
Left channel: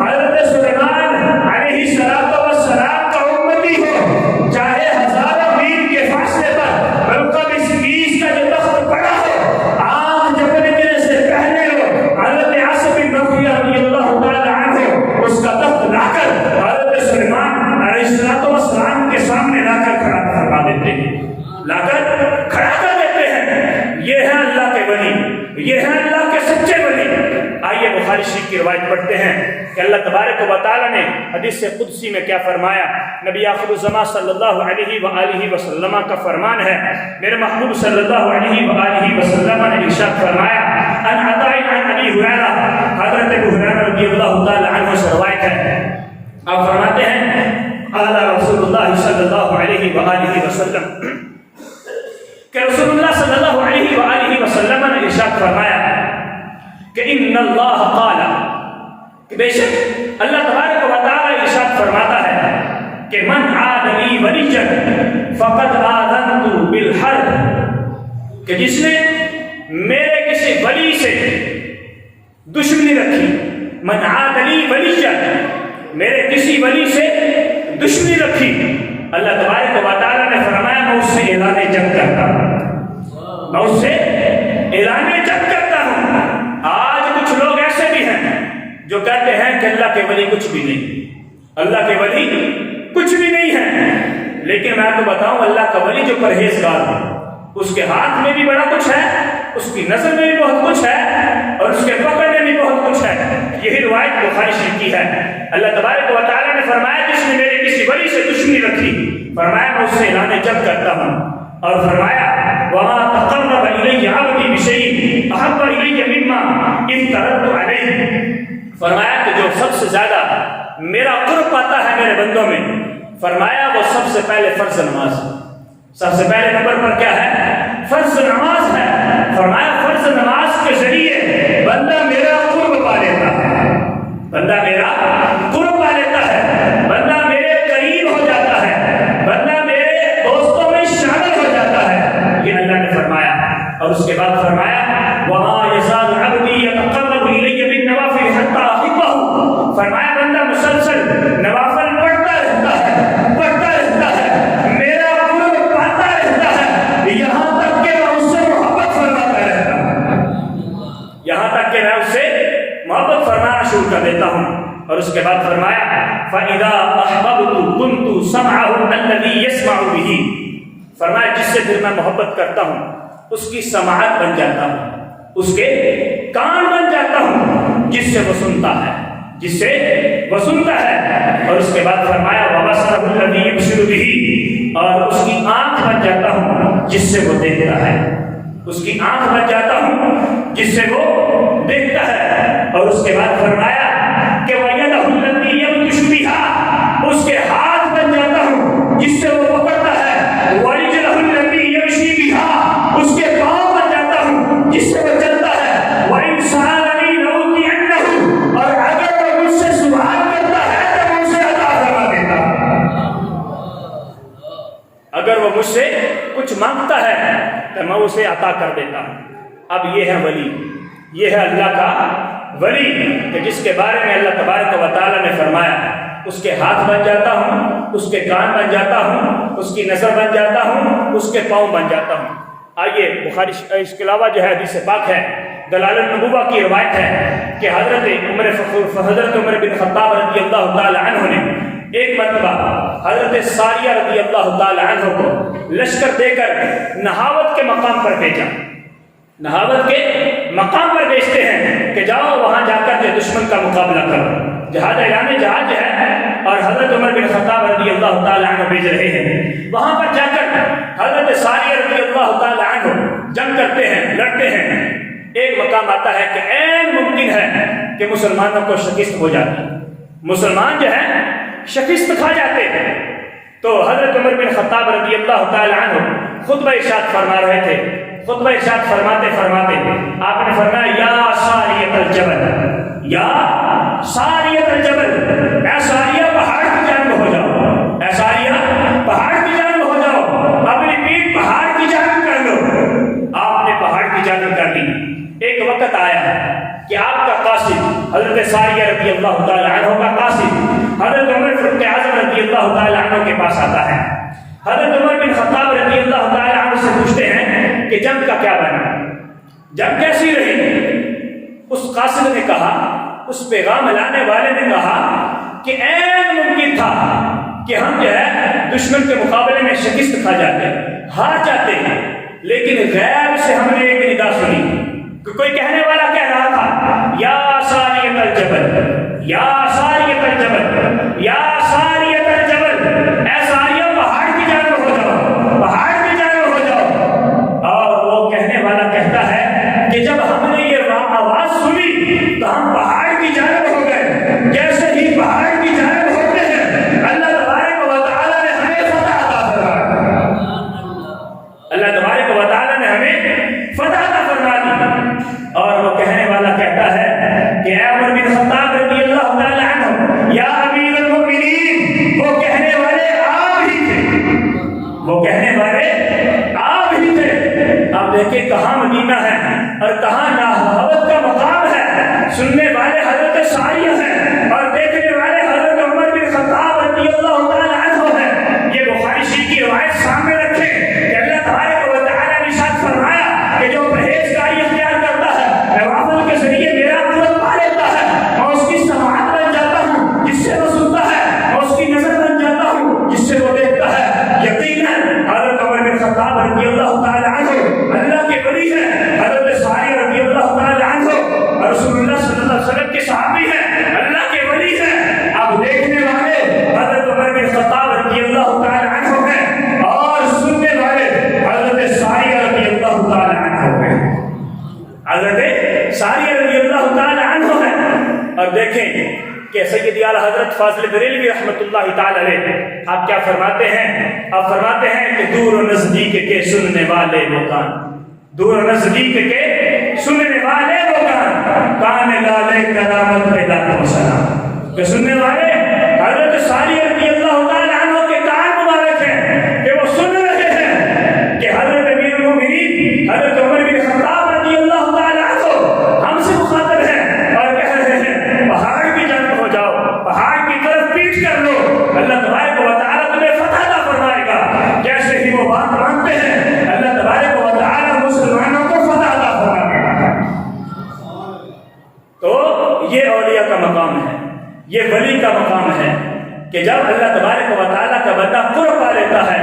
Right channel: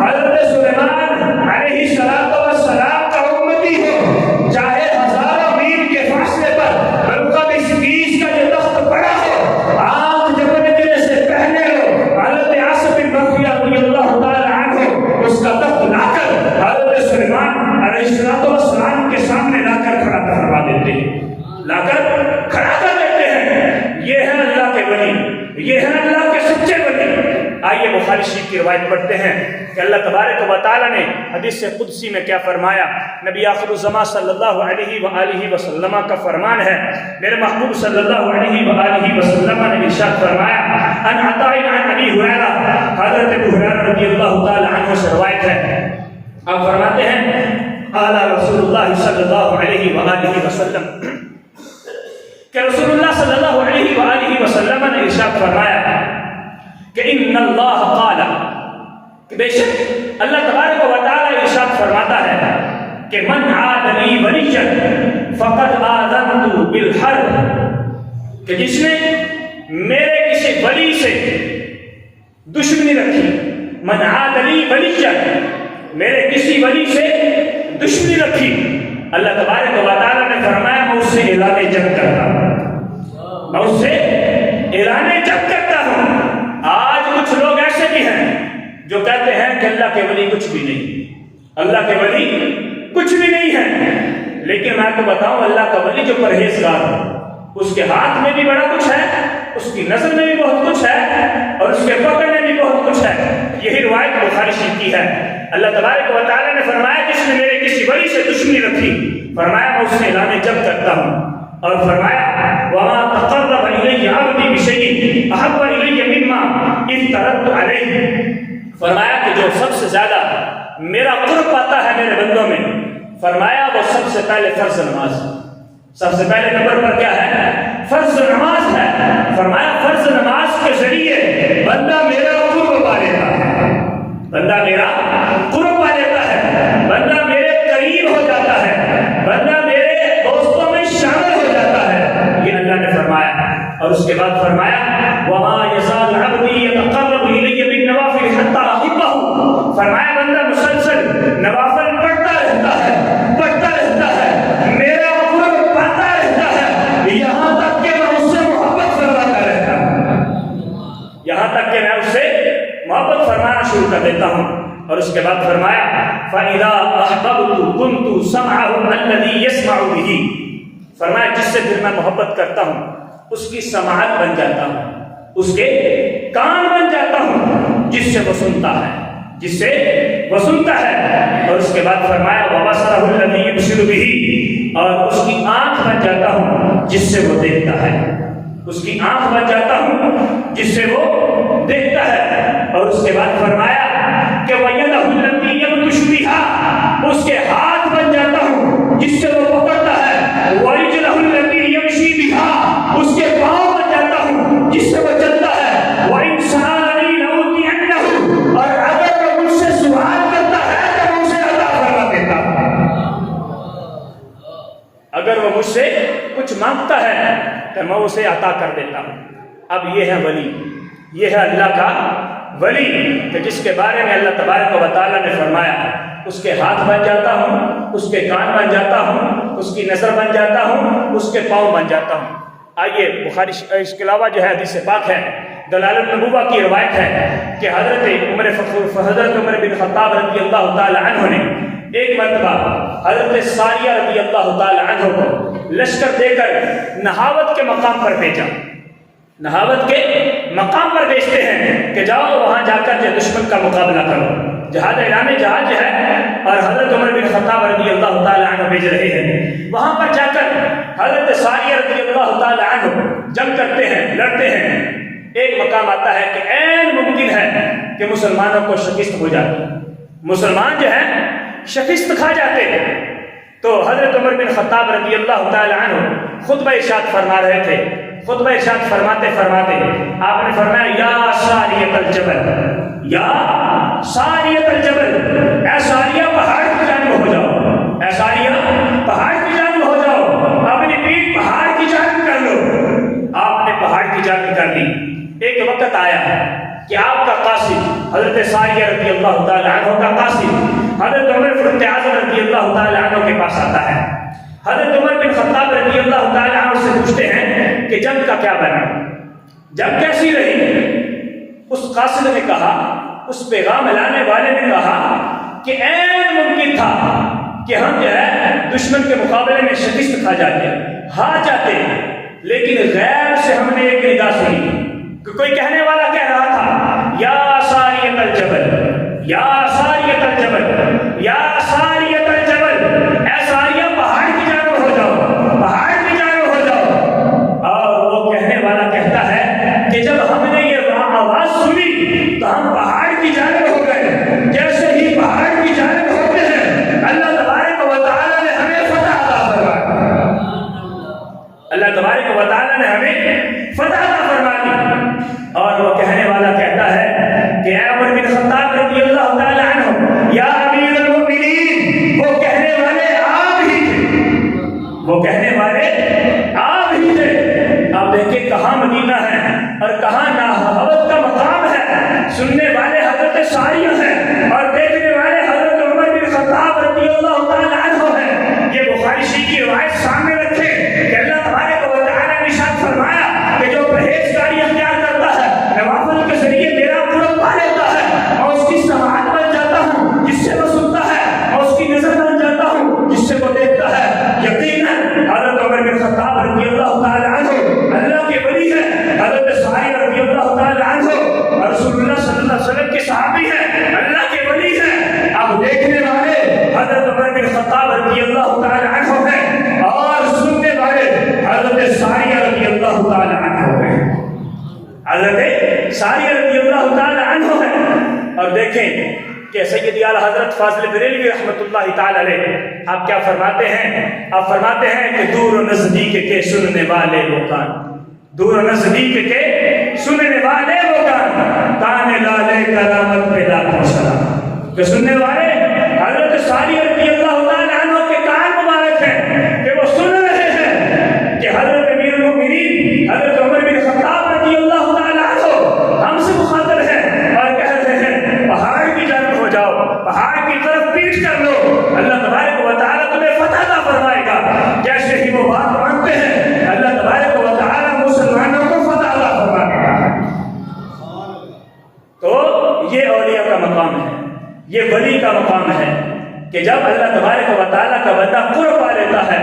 حضرت سلیمان علیہ السلام کا امتی ہو، چاہے ہزاروں میل کے فاصلے پر بلقیس کا جو تخت پڑا ہو، آج جب نکلنے سے پہلے ہو، حضرت آصف بن برخیہ رضی اللہ تعالی اس کا تخت لا کر حضرت سلیمان علیہ السلام کے سامنے لا کر کھڑا کروا دیتے ہیں، لا کر کھڑا کر دیتے ہیں۔ یہ ہے اللہ کے ولی، یہ ہے اللہ کے سچے ولی۔ آئیے بخاری شریف کی روایت پڑھتے ہیں کہ اللہ تبارک و تعالی نے حدیث قدسی میں کیا فرمایا۔ نبی آخر الزمان صلی اللہ علیہ وآلہ وسلم کا فرمان ہے، میرے محبوب صلی اللہ علیہ وآلہ وسلم نے ارشاد فرمایا، ان عطاء عن ابی ہریرہ، حضرت ابو ہریرہ رضی اللہ تعالی عنہ سے روایت ہے، آپ فرماتے ہیں قال رسول اللہ صلی اللہ علیہ وآلہ وسلم، کہ رسول اللہ صلی اللہ علیہ وآلہ وسلم نے ارشاد فرمایا کہ ان اللہ قال، کہ بے شک اللہ تبارک و تعالی ارشاد فرماتا ہے کہ من عاد لی ولیا فقد آذنت بالحرب، کہ جس نے میرے کسی ولی سے دشمنی رکھی، من عاد لی ولیا، میرے کسی ولی سے دشمنی رکھی، اللہ تبارک و تعالی نے فرمایا میں اس سے اعلان جنگ کرتا ہوں، میں اس سے اعلان جنگ کرتا ہوں۔ آج کچھ لوگ ایسے بھی ہیں جو کہتے ہیں کہ اللہ کے ولی کچھ بھی نہیں، اللہ کے ولی کچھ بھی نہیں ہے، لیکن میں تو بتاؤں اللہ کا ولی جو پرہیزگار ہے، اس کے ہاتھ میں بھی بڑا کچھ ہے، اس کی نظر میں بھی بہت کچھ ہے، اور اس کے پکڑ میں بھی بہت کچھ ہے۔ یہی روایت بخاری شریف کی ہے۔ اللہ تبارک و تعالی نے فرمایا جس نے میرے کسی ولی سے دشمنی رکھی، فرمایا میں اس سے اعلان جنگ کرتا ہوں، اور فرمایا وَمَا تَقَرَّبَ إِلَيَّ عَبْدِي بِشَيْءٍ أَحَبَّ إِلَيَّ مِمَّا افْتَرَضْتُ عَلَيْهِ، فرمایا کہ جو سب سے زیادہ میرا قرب پاتا ہے میرے بندوں میں، فرمایا وہ سب سے پہلے فرض نماز، سب سے پہلے نمبر پر کیا ہے؟ فرض نماز ہے۔ فرمایا فرض نماز کے ذریعے بندہ میرا قرب پا لیتا ہے، بندہ میرا قرب پا لیتا ہے، بندہ میرے قریب ہو جاتا ہے، بندہ میرے دوستوں میں شامل ہو جاتا ہے، یہ اللہ نے فرمایا۔ اور اس کے بعد فرمایا وَمَا يَزَالُ عَبْدِي يَتَقَرَّبُ إِلَيَّ بِالنَّوَافِلِ حَتَّىٰ أُحِبَّهُ، فرمایا بندہ مسلسل نوافل پڑھتا رہتا ہے، پڑھتا رہتا ہے، میرا قرب پاتا رہتا ہے، یہاں تک کہ میں اس سے محبت فرماتا رہتا ہوں، یہاں تک کہ میں اس سے محبت فرمانا شروع کر دیتا ہوں۔ اور اس کے بعد فرمایا فَإِذَا أَحْبَبْتُ كُنْتُ سَمْعَهُ الَّذِي يَسْمَعُ بِهِ، فرمایا جس سے پھر میں محبت کرتا ہوں اس کی سماعت بن جاتا ہوں، اس کے کان بن جاتا ہوں، جس سے وہ سنتا ہے، جس سے وہ سنتا ہے، اور اس کے بعد فرمایا وَبَصَرَهُ الَّذِي يُبْصِرُ بِهِ، اور اس کی آنکھ بن جاتا ہوں جس سے وہ دیکھتا ہے، اس کی آنکھ بن جاتا ہوں جس سے وہ دیکھتا ہے، اور اس کے بعد فرمایا کہ وَيَدَهُ الَّتِي يَبْطِشُ بِهَا، اس کے ہاتھ بن جاتا ہوں جس سے وہ پکڑتا ہے، وَرِجْلَهُ الَّتِي يَمْشِي بِهَا، اس کے پاؤں بن جاتا ہوں جس سے وہ چلتا ہے، وَإِنْ سَأَلَنِي لَأُعْطِيَنَّهُ، اور اگر وہ مجھ سے سوال کرتا ہے تو میں اسے عطا فرما دیتا ہوں، اگر وہ مجھ سے کچھ مانگتا ہے تو میں اسے عطا کر دیتا ہوں۔ اب یہ ہے ولی، یہ ہے اللہ کا ولی، کہ جس کے بارے میں اللہ تبارک و تعالیٰ نے فرمایا اس کے ہاتھ بن جاتا ہوں، اس کے کان بن جاتا ہوں، اس کی نظر بن جاتا ہوں، اس کے پاؤں بن جاتا ہوں۔ آئیے بخاری، اس کے علاوہ جو ہے حدیث پاک ہے، دلال النبوہ کی روایت ہے کہ حضرت عمر بن خطاب رضی اللہ تعالی عنہ نے ایک مرتبہ حضرت ساریہ رضی اللہ تعالی عنہ کو لشکر دے کر نہاوت کے مقام پر بھیجا۔ نہاوت کے مقام پر بھیجتے ہیں کہ جاؤ وہاں جا کر جو دشمن کا مقابلہ کرو، جہاد اعلان جہاد ہے، اور حضرت عمر بن خطاب رضی اللہ تعالی عنہ بھیج رہے ہیں۔ وہاں پر جا کر حضرت ساریہ رضی اللہ تعالی عنہ جنگ کرتے ہیں، لڑتے ہیں۔ ایک مقام آتا ہے کہ عین ممکن ہے کہ مسلمانوں کو شکست ہو جاتی، مسلمان جو ہے شکست کھا جاتے ہیں۔ تو حضرت عمر بن خطاب رضی اللہ تعالی عنہ خطبہ ارشاد فرما رہے تھے، خطبہ ارشاد فرماتے فرماتے آپ نے فرمایا یا ساریۃ الجبل، یا ساریۃ الجبل، اے ساریہ پہاڑ کی جانب ہو جاؤ، اے ساریہ پہاڑ کی جانب ہو جاؤ، اپنی پیٹھ پہاڑ کی جانب کر لو۔ آپ نے پہاڑ کی جانب کر لی۔ ایک وقت آیا کہ آپ کا قاصد حضرت ساریہ رضی اللہ تعالی عنہ کا قاصد حضرت عمر فاروق اعظم رضی اللہ تعالی عنہ کے پاس آتا ہے۔ حضرت عمر بن خطاب رضی اللہ تعالی عنہ سے پوچھتے ہیں کہ جنگ کا کیا بنا، جنگ کیسی رہی؟ اس قاصد نے کہا، اس پیغام لانے والے نے کہا کہ عین ممکن تھا کہ ہم جو ہے دشمن کے مقابلے میں شکست کھا جاتے، ہار جاتے، لیکن غیب سے ہم نے ایک ندا سنی کہ کوئی کہنے والا کہہ رہا تھا یا ساریۃ الجبل، یا ساریۃ الجبل، یا ساریۃ الجبل، اے ساریہ پہاڑ کی جانب ہو جاؤ، پہاڑ کی جانب ہو جاؤ۔ اور وہ کہنے والا کہتا ہے کہ جب ہم نے یہ آواز سنی تو ہم پہاڑ کی جانب ہو گئے، جیسے ہی پہاڑ کی جانب ہوتے ہیں اللہ تبارک و تعالیٰ نے ہمیں فتح عطا فرمائی، اللہ تبارک و تعالیٰ نے ہمیں فتح عطا فرمائی۔ اور وہ کہنے والا کہتا ہے کہ اے عمر بن خطاب رضی اللہ تعالی عنہ یا امیر المؤمنین، وہ کہنے والے آپ ہی تھے، وہ کہنے والے آپ ہی تھے۔ اب دیکھیں کہاں مدینہ ہے اور کہاں نہاوت کا مقام ہے، سننے والے حضرت ساریہ ہیں اور دیکھنے والے حضرت عمر بن خطاب رضی اللہ تعالی عنہ ہیں۔ یہ بخاری شریف کی روایت سامنے رکھیں کہ اللہ تبارک و تعالیٰ نے ارشاد فرمایا کہ جو پرہیزگاری اختیار کرتا ہے نوافل کے ذریعے میرا قرب پا لیتا ہے، اور اس کی سماعت بن جاتا ہوں جس سے وہ سنتا ہے، اور اس کی نظر بن جاتا ہوں جس سے وہ دیکھتا ہے۔ یقیناً حضرت عمر بن خطاب رضی اللہ تعالی عنہ اللہ کے ولی ہیں، حضرت ساریہ رضی اللہ تعالی عنہ اور رسول اللہ صلی اللہ علیہ وسلم کے صحابی ہیں، اللہ کے ولی ہیں۔ اب دیکھنے والے حضرت عمر بن خطاب رضی اللہ تعالی عنہ ہیں اور سننے والے حضرت ساریہ رضی اللہ تعالی عنہ ہیں، حضرت ساریہ رضی اللہ تعالی عنہ ہیں۔ اور دیکھیں کہ سیدی اعلیٰ حضرت فاضل بریلوی رحمۃ اللہ تعالی علیہ آپ کیا فرماتے ہیں؟ آپ فرماتے ہیں کہ دور و نزدیک کے سننے والے وہ کان، دور و نزدیک کے سننے والے وہ کان، کان لالے کرامت پہ لاکھوں سلام، کہ سننے والے حضرت ساریہ رضی اللہ تعالی عنہ کے کان مبارک ہیں کہ وہ سن رہے ہیں کہ حضرت امیر المؤمنین حضرت عمر بن خطاب رضی اللہ تعالی عنہ ہم سے مخاطب ہیں اور کہہ رہے ہیں پہاڑ کی جانب ہو جاؤ، پہاڑ کی طرف پیٹ کر لو، اللہ تبارک و تعالیٰ تمہیں فتح عطا فرمائے گا۔ جیسے ہی وہ بات مانتے ہیں اللہ تبارک و تعالیٰ مسلمانوں کو فتح عطا فرمائے گا۔ تو یہ اولیاء کا مقام ہے، یہ ولی کا مقام ہے کہ جب اللہ تبارک و تعالیٰ کا بندہ قرب پا لیتا ہے،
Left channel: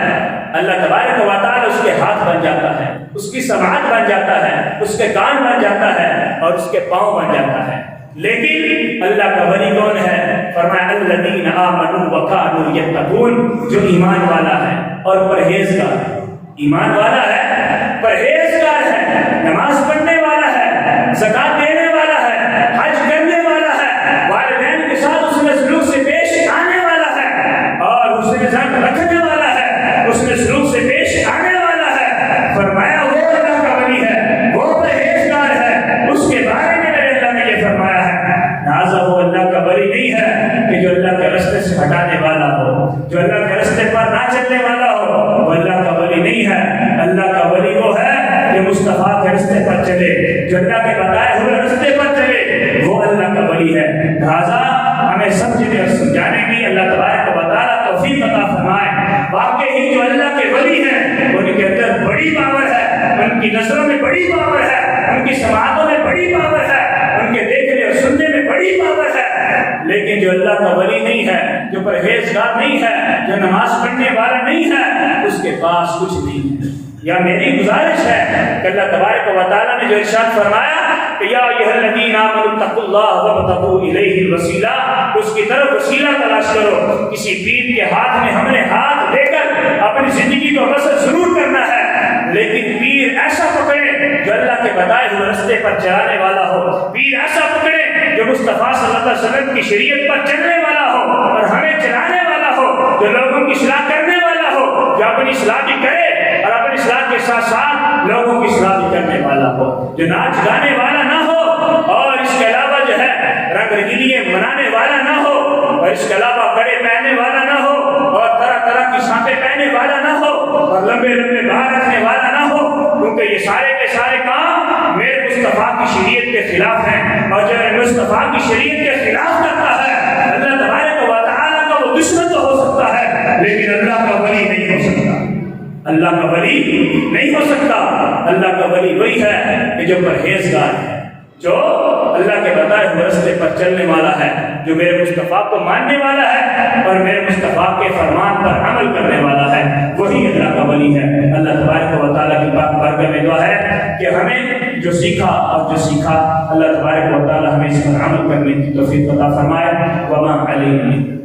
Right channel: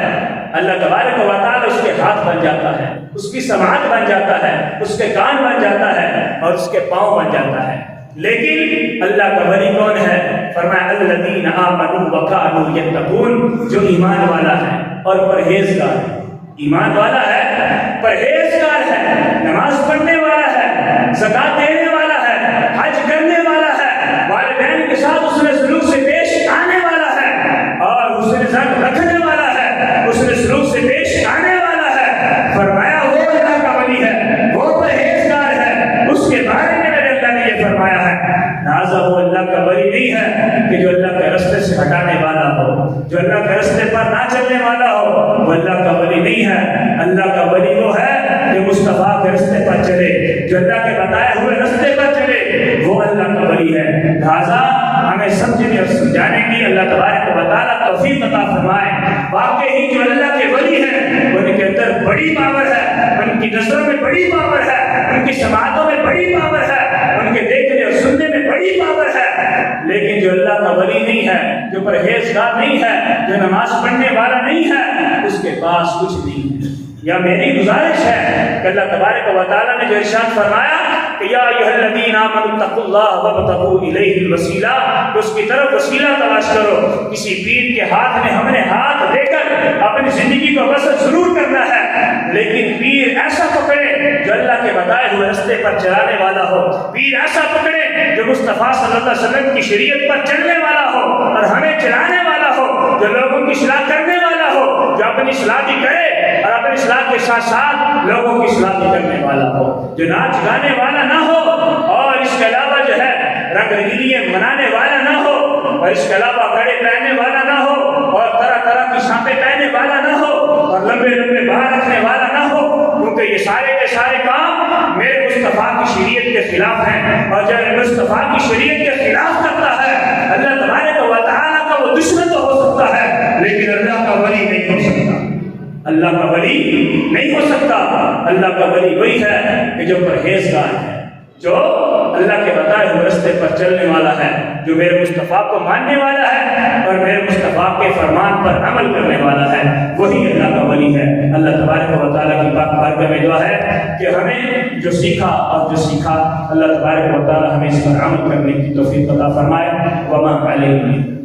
اللہ تبارک و تعالیٰ اس کے ہاتھ بن جاتا ہے، اس کی سماعت بن جاتا ہے، اس کے کان بن جاتا ہے اور اس کے پاؤں بن جاتا ہے۔ لیکن اللہ کا ولی کون ہے؟ فرمایا الذین آمنوا وکانوا یتقون، جو ایمان والا ہے اور پرہیزگار ہے۔ ایمان والا ہے، پرہیزگار ہے، نماز پڑھنے والا ہے، زکات دینے والا ہے، حج کرنے والا ہے، والدین کے ساتھ حسن سلوک سے پیش آنے والا ہے، اور حسن ظن رکھنے والا ہے، حسن سلوک سے پیش آنے والا ہے۔ فرمایا وہ اللہ کا ولی ہے، وہ پرہیزگار ہے، اس کے بارے میں میرے اللہ نے یہ فرمایا ہے۔ لہٰذا وہ اللہ کا ولی نہیں ہے کہ جو اللہ کے راستے سے ہٹانے والا ہو، جو اللہ کے راستے پر نہ چلنے والا ہو، وہ اللہ کا ولی نہیں ہے۔ اللہ کا ولی وہ ہے جو مصطفیٰ کے راستے پر چلے، جو اللہ کے بتائے ہوئے راستے پر چلے، وہ اللہ کا ولی ہے۔ لہٰذا ہمیں سمجھنے اور سمجھانے کی اللہ تبارک و تعالیٰ توفیق عطا فرمائے۔ واقعی جو اللہ کے ولی ہیں ان کے اندر بڑی پاور ہے، ان کی نظروں میں بڑی پاور ہے، ان کی سماعتوں میں بڑی پاور ہے، ان کے دیکھنے اور سننے میں بڑی پاور ہے۔ لیکن جو اللہ کا ولی نہیں ہے، جو پرہیزگار نہیں ہے، جو نماز پڑھنے والا نہیں ہے، اس کے پاس کچھ نہیں ہے۔ یا میری گزارش ہے کہ اللہ تبارک و تعالیٰ نے جو ارشاد فرمایا کہ یا ایھا الذین آمنوا اتقوا اللہ وابتغوا الیہ الوسیلہ، اس کی طرف وسیلہ تلاش کرو۔ کسی پیر کے ہاتھ میں ہم نے ہاتھ دے کر اپنی زندگی کو بسر ضرور کرنا ہے، لیکن پیر ایسا پکڑے جو اللہ کے بتائے ہوئے راستے پر چلانے والا ہو، پیر ایسا پکڑے جو مصطفیٰ صلی اللہ علیہ وسلم کی شریعت پر چلنے والا ہو اور ہمیں چلانے والا ہو، جو لوگوں کی اصلاح کرنے والا ہو، جو اپنی اصلاح بھی کرے اور اپنی اصلاح کے ساتھ ساتھ لوگوں کی اصلاح بھی کرنے والا ہو، جو ناچ گانے والا نہ ہو اور اس کے علاوہ جو ہے رنگ رنگیلیاں منانے والا نہ ہو، اور اس کے علاوہ کڑے پہننے والا نہ ہو، اور طرح طرح کی شانپیں پہننے والا نہ ہو، اور لمبے لمبے بال رکھنے والا نہ ہو، کیونکہ یہ سارے کے سارے کام میرے مصطفیٰ کی شریعت کے خلاف ہیں۔ اور جب مصطفیٰ کی شریعت کے خلاف کرتا ہے، اللہ تبارک و تعالیٰ کا وہ دشمن تو ہو سکتا ہے لیکن اللہ کا ولی نہیں ہو سکتا۔ اللہ کا ولی نہیں ہو سکتا۔ اللہ کا ولی وہی ہے کہ جو پرہیزگار ہے، جو اللہ کے بتائے ہوئے راستے پر چلنے والا ہے، جو میرے مصطفیٰ کو ماننے والا ہے اور میرے مصطفیٰ کے فرمان پر عمل کرنے والا ہے، وہی اللہ کا ولی ہے۔ اللہ تبارک و تعالیٰ کی پاک بارگاہ میں دعا ہے کہ ہمیں جو سیکھا اور جو سیکھا اللہ تبارک و تعالیٰ ہمیں اس پر عمل کرنے کی توفیق عطا فرمائے۔ وما علینا